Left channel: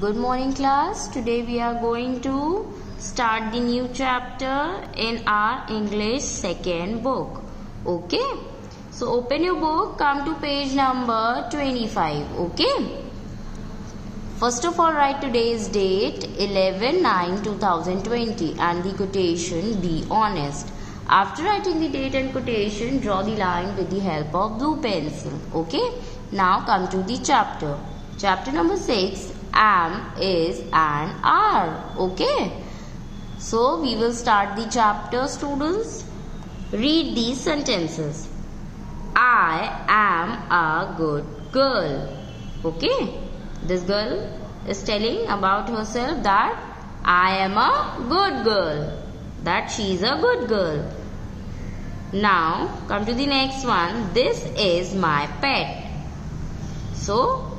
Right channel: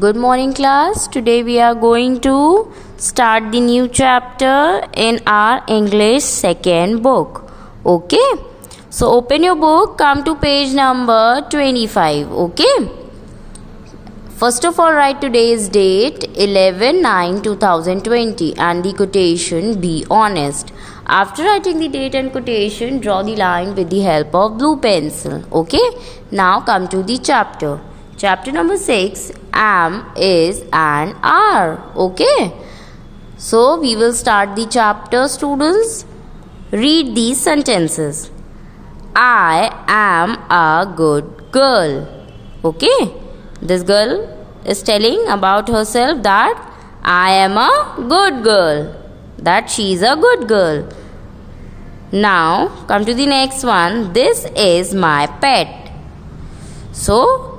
Good morning class. Today we are going to start the new chapter in our English second book. Okay. So open your book, come to page number 25. Okay. First of all, write today's date 11/9/2020 and the quotation be honest. After writing the date and quotation, draw the line with the help of blue pencil. Okay. Now come to the chapter. Chapter number 6, am, is and are. Okay. So we will start the chapter, students. Read these sentences. I am a good girl. Okay. This girl is telling about herself that I am a good girl. That she is a good girl. Now come to the next one. This is my pet. So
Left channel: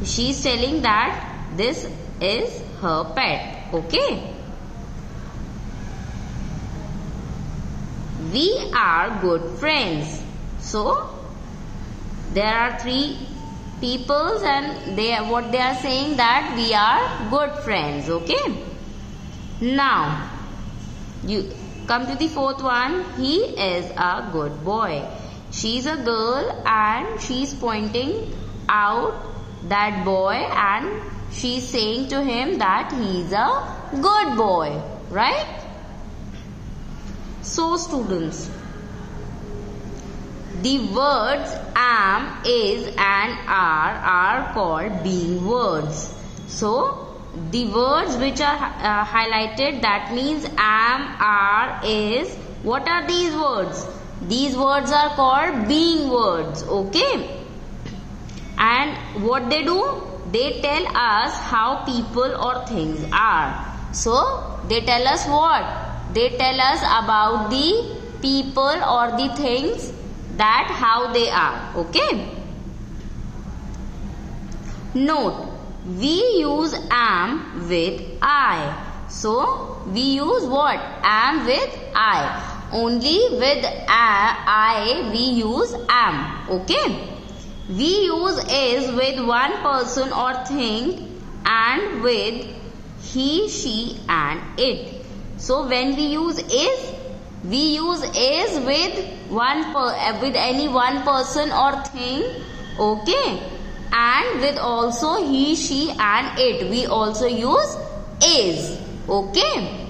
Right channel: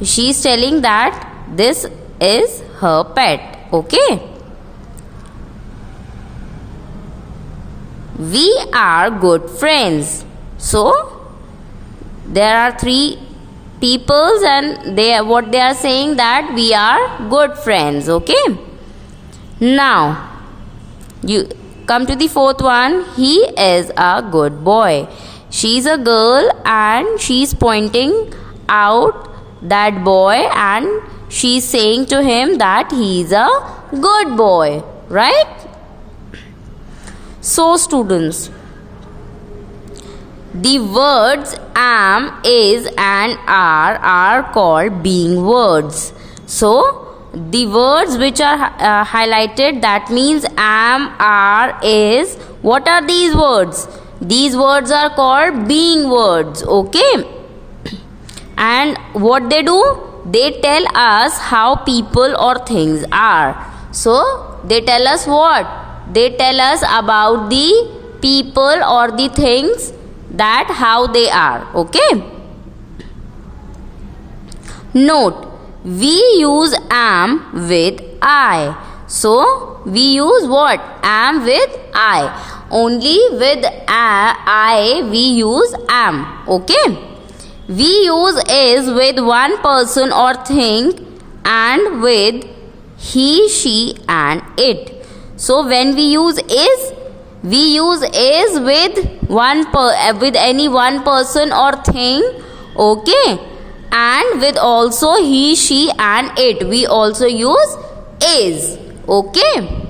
she is telling that this is her pet. Okay. We are good friends. So there are three peoples and what they are saying that we are good friends. Okay. Now you come to the fourth one. He is a good boy. She is a girl and she is pointing out that boy and she is saying to him that he is a good boy, right? So students, the words am, is and are called being words. So the words which are highlighted, that means am, are, is. What are these words? These words are called being words. Okay. And what they do? They tell us how people or things are. So they tell us what? They tell us about the people or the things, that how they are. Okay. Note, we use am with I. So we use what? Am with I. Only with I we use am. Okay. We use is with one person or thing and with he, she and it. So when we use is, we use is with with any one person or thing. Okay. And with also he, she and it. We also use is. Okay.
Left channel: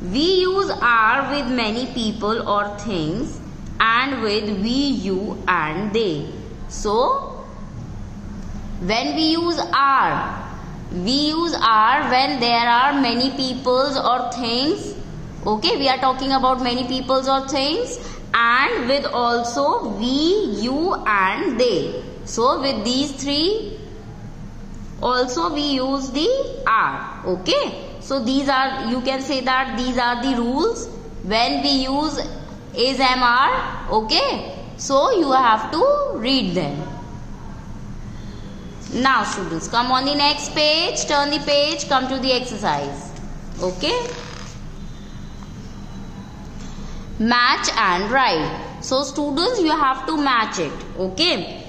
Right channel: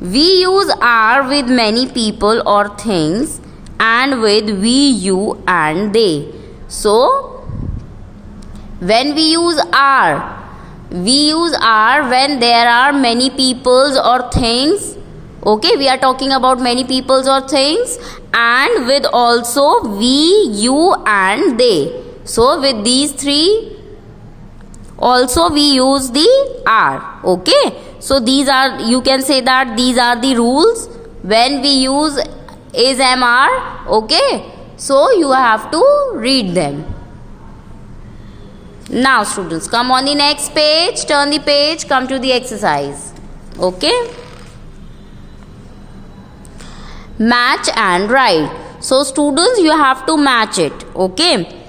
We use are with many people or things and with we, you and they. So when we use are when there are many peoples or things. Okay, we are talking about many peoples or things, and with also we, you and they. So with these three also we use the are. Okay, so these are, you can say that these are the rules when we use is, am, are. Okay, so you have to read them. Now students, come on the next page, turn the page, come to the exercise. Okay. Match and write. So students, you have to match it. Okay.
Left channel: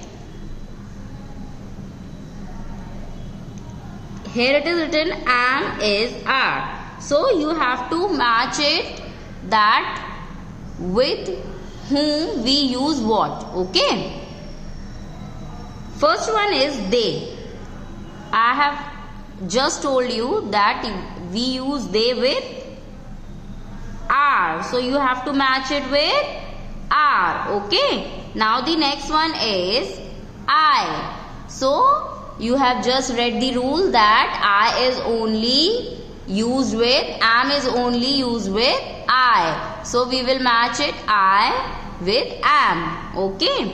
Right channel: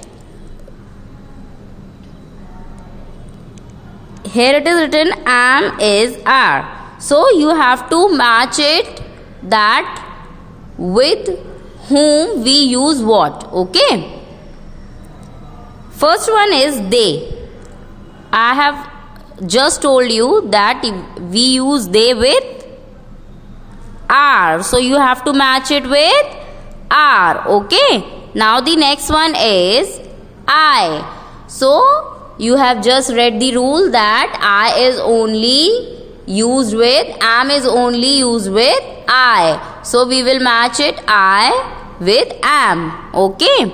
Here it is written am, is, are. So you have to match it, that with whom we use what. Okay. First one is they. I have just told you that we use they with are. So you have to match it with are. Okay. Now the next one is I. So you have just read the rule that I is only used with, am is only used with I. So we will match it I with am. Okay.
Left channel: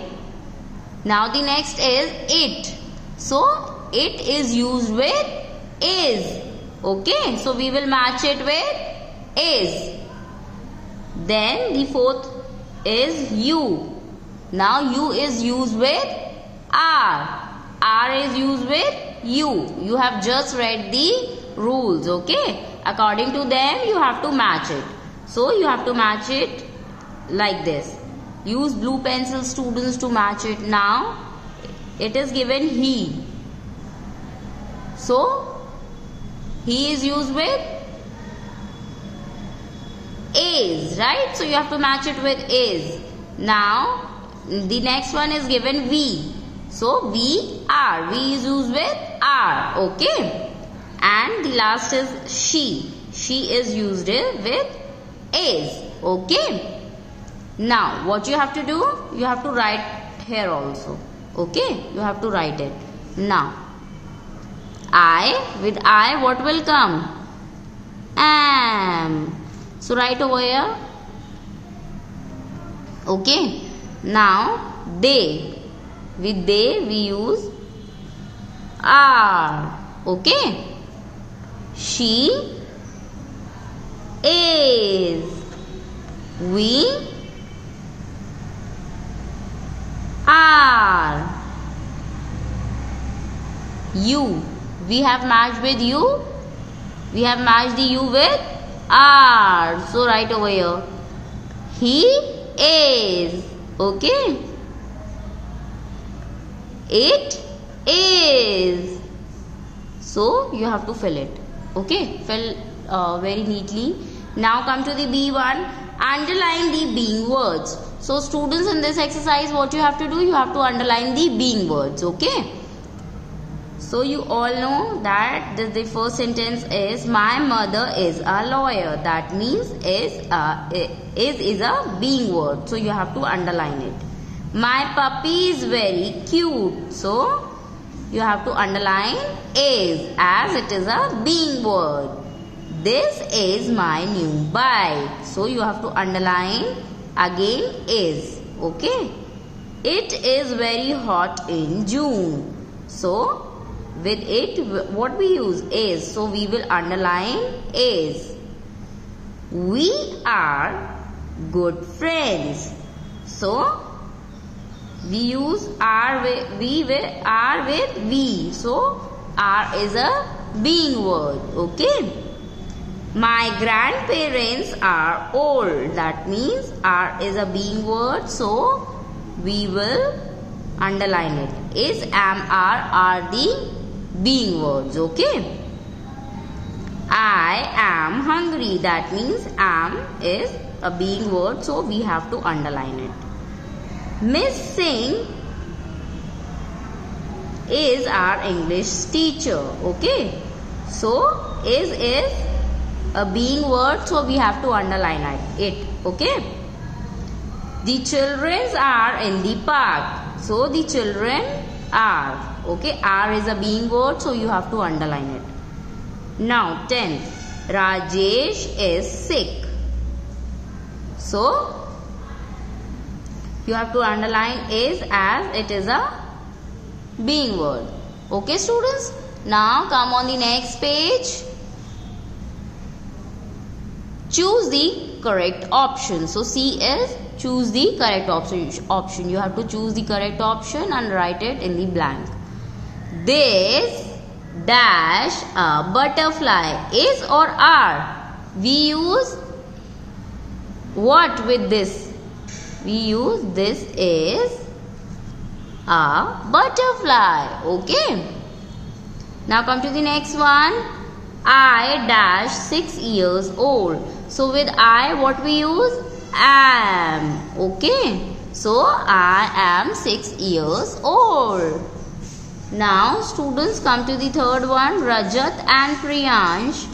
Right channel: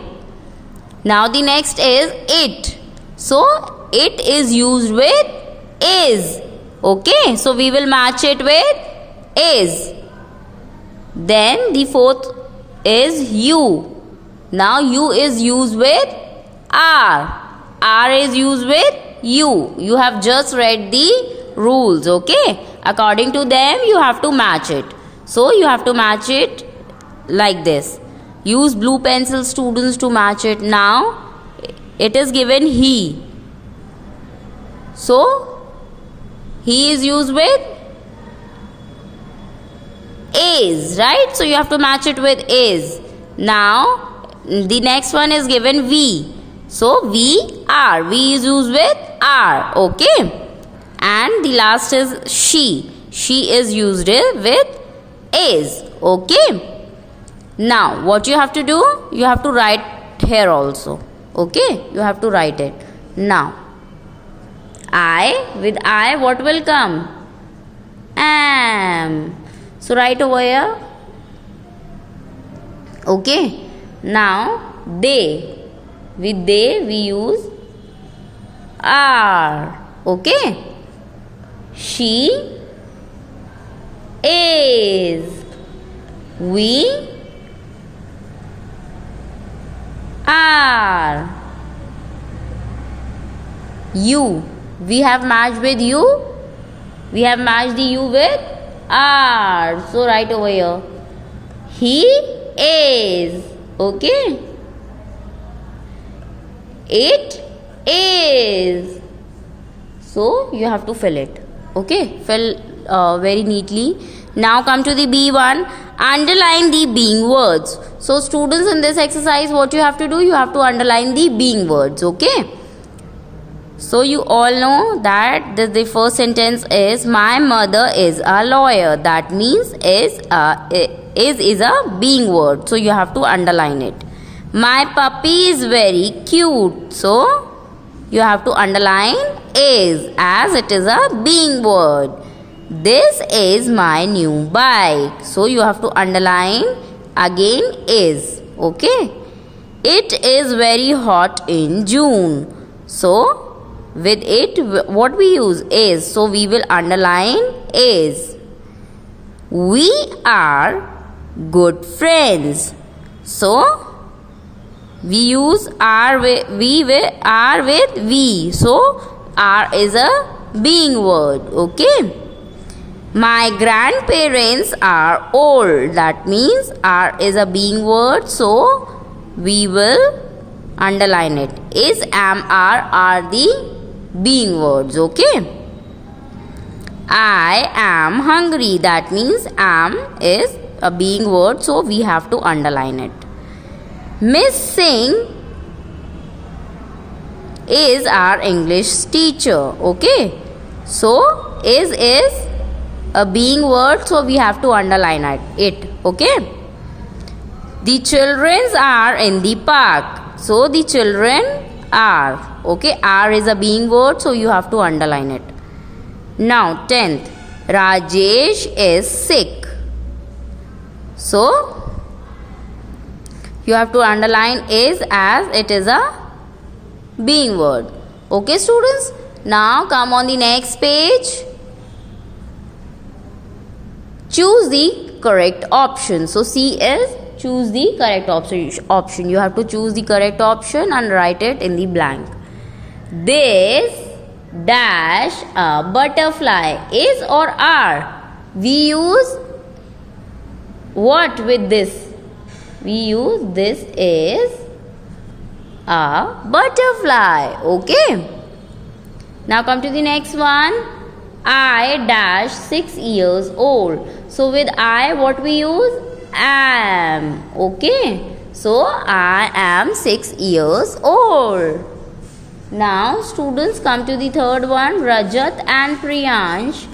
Now the next is it. So it is used with is. Okay. So we will match it with is. Then the fourth is you. Now you is used with are. Are is used with you. You have just read the rules. Okay. According to them you have to match it. So you have to match it like this. Use blue pencil, students, to match it. Now it is given he. So he is used with is, right? So you have to match it with is. Now the next one is given we. So we are. We is used with are. Okay. And the last is she. She is used with is. Okay. Now what you have to do? You have to write here also. Okay. You have to write it. Now I, with I what will come? Am. So write over here. Okay. Now they. With they we use are. Okay. She is. We are. You. We have matched with you. We have matched the you with are. So write over here. He is. Okay. It is. So you have to fill it. Okay. Fill very neatly. Now come to the B1. Underline the being words. So students, in this exercise what you have to do? You have to underline the being words. Okay. So you all know that the first sentence is my mother is a lawyer. That means is a being word. So you have to underline it. My puppy is very cute. So you have to underline is, as it is a being word. This is my new bike. So you have to underline again is. Okay. It is very hot in June. So with it what we use? Is. So we will underline is. We are good friends. So we use are with we. So are is a being word. Okay. My grandparents are old. That means are is a being word. So we will underline it. Is, am, are the being words. Okay. I am hungry. That means am is a being word. So we have to underline it. Miss Singh is our English teacher. Okay. So is a being word. So we have to underline it. Okay. The children are in the park. So the children are. Okay. Are is a being word. So you have to underline it. Now 10th. Rajesh is sick. So you have to underline is, as it is a being word. Okay students. Now come on the next page. Choose the correct option. So C is choose the correct option. You have to choose the correct option and write it in the blank. This dash a butterfly. Is or are? We use what with this? We use this is a butterfly. Okay. Now come to the next one. I dash 6 years old. So with I what we use? Am. Okay. So I am 6 years old. Now students, come to the third one. Rajat and Priyansh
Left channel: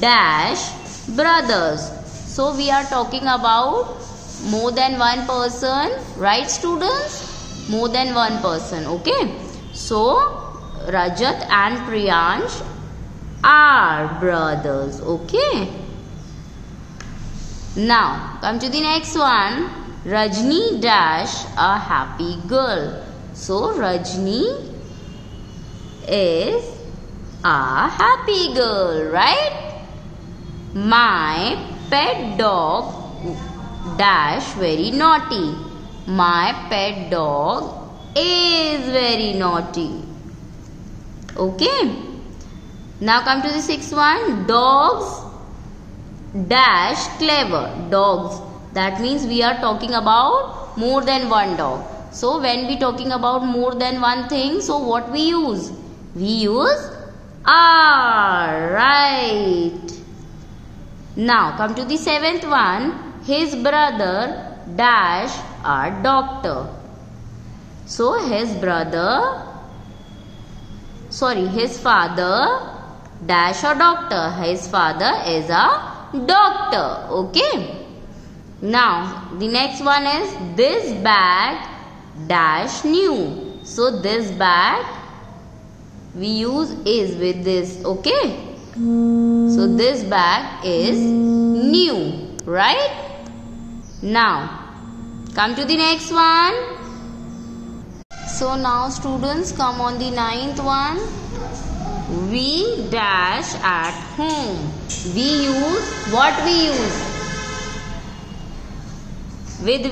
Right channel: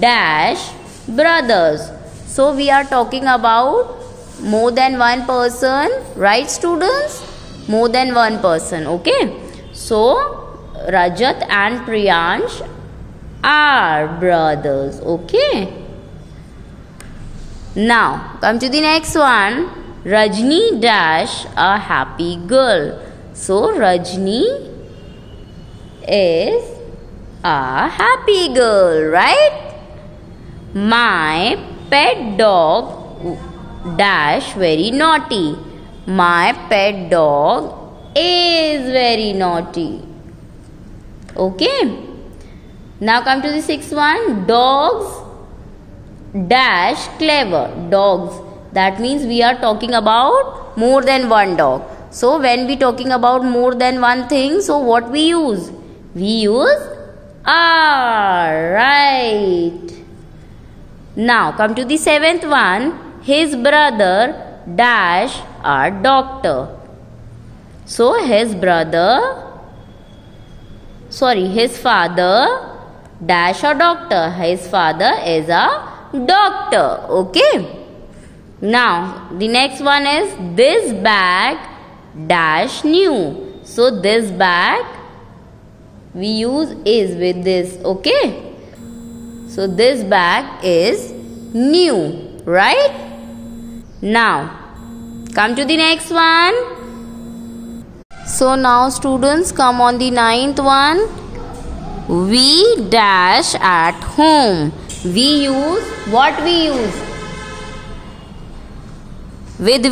dash brothers. So we are talking about more than one person, right students? More than one person. Okay. So Rajat and Priyansh are brothers. Okay. Now come to the next one. Rajni dash a happy girl. So Rajni is a happy girl, right? My pet dog dash very naughty. My pet dog is very naughty. Okay. Now come to the sixth one. Dogs dash clever. Dogs. That means we are talking about more than one dog. So when we talking about more than one thing, so what we use? We use R. Right. Now come to the seventh one. His brother dash a doctor. So his father dash a doctor. His father is a doctor. Okay. Now the next one is this bag dash new. So this bag we use is with this. Okay. So this bag is new. Right. Now come to the next one. So now students, come on the ninth one. We dash at home. We use what we use? With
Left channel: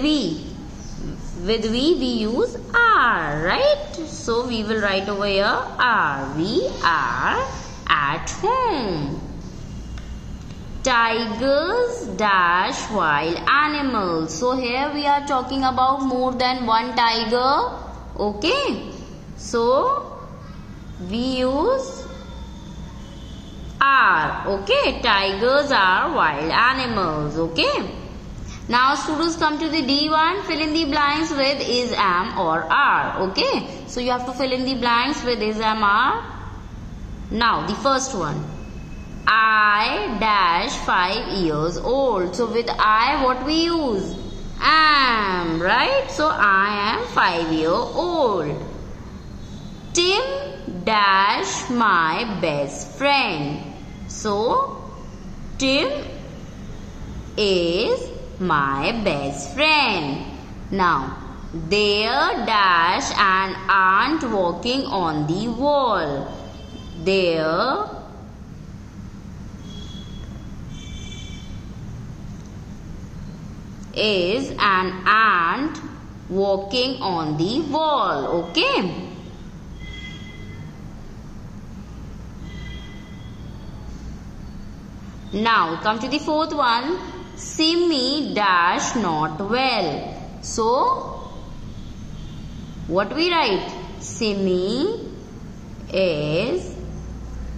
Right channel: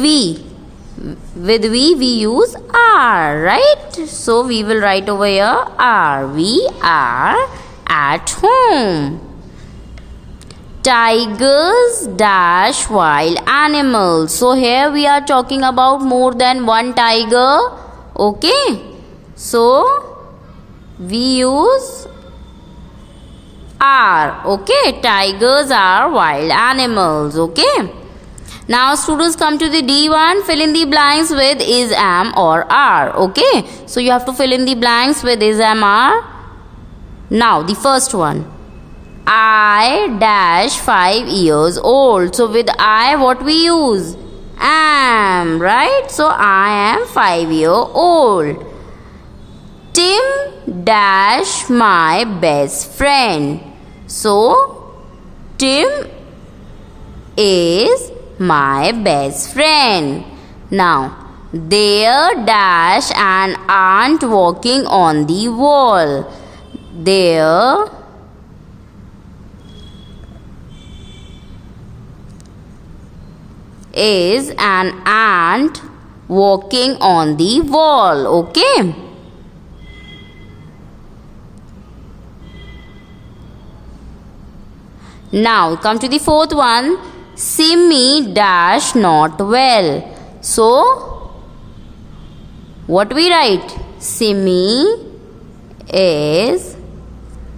we use are, right? So we will write over here are. We are at home. Tigers dash wild animals. So here we are talking about more than one tiger. Okay. So we use are. Okay. Tigers are wild animals. Okay. Now students, come to the D1. Fill in the blanks with is, am or are. Okay. So you have to fill in the blanks with is, am, are. Now the first one. I dash 5 years old. So with I what we use? Am, right? So I am 5-year-old. Tim dash my best friend. So Tim is my best friend. Now there dash an ant walking on the wall. There is an ant walking on the wall. Okay. Now come to the fourth one. Simi dash not well. So what we write? Simi is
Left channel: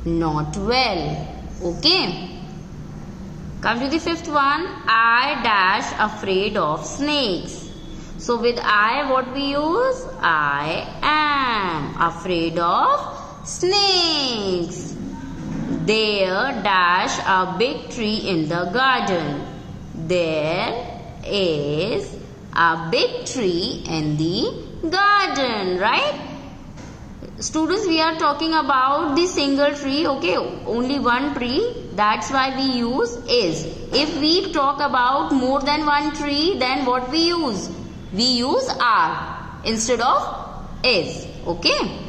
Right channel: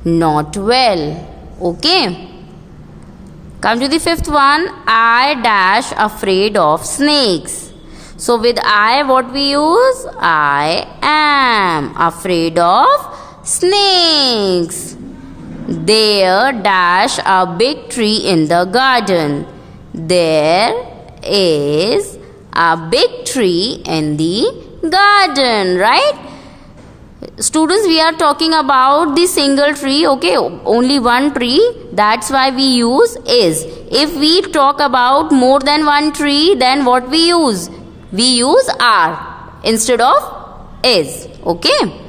not well. Okay. Come to the fifth one. I dash afraid of snakes. So with I what we use? I am afraid of snakes. There dash a big tree in the garden. There is a big tree in the garden, right? Students, we are talking about the single tree. Okay, only one tree. That's why we use is. If we talk about more than one tree, then what we use? We use are instead of is. Okay.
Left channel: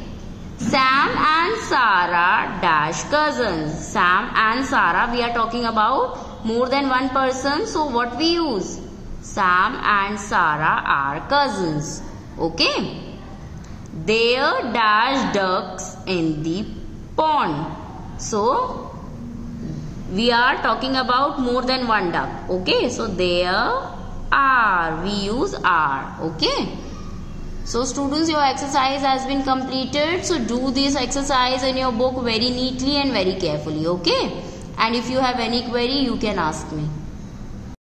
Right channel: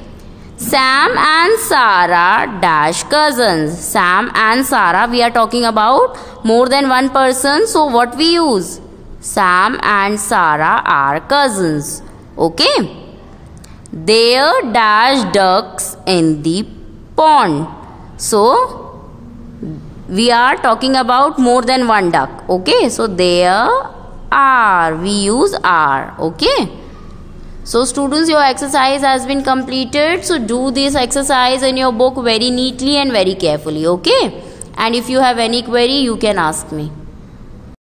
Sam and Sarah dash cousins. Sam and Sarah, we are talking about more than one person. So what we use? Sam and Sarah are cousins. Okay. There dash ducks in the pond. So we are talking about more than one duck. Okay. So there are. We use are. Okay. So students, your exercise has been completed. So do this exercise in your book very neatly and very carefully. Okay. And if you have any query, you can ask me.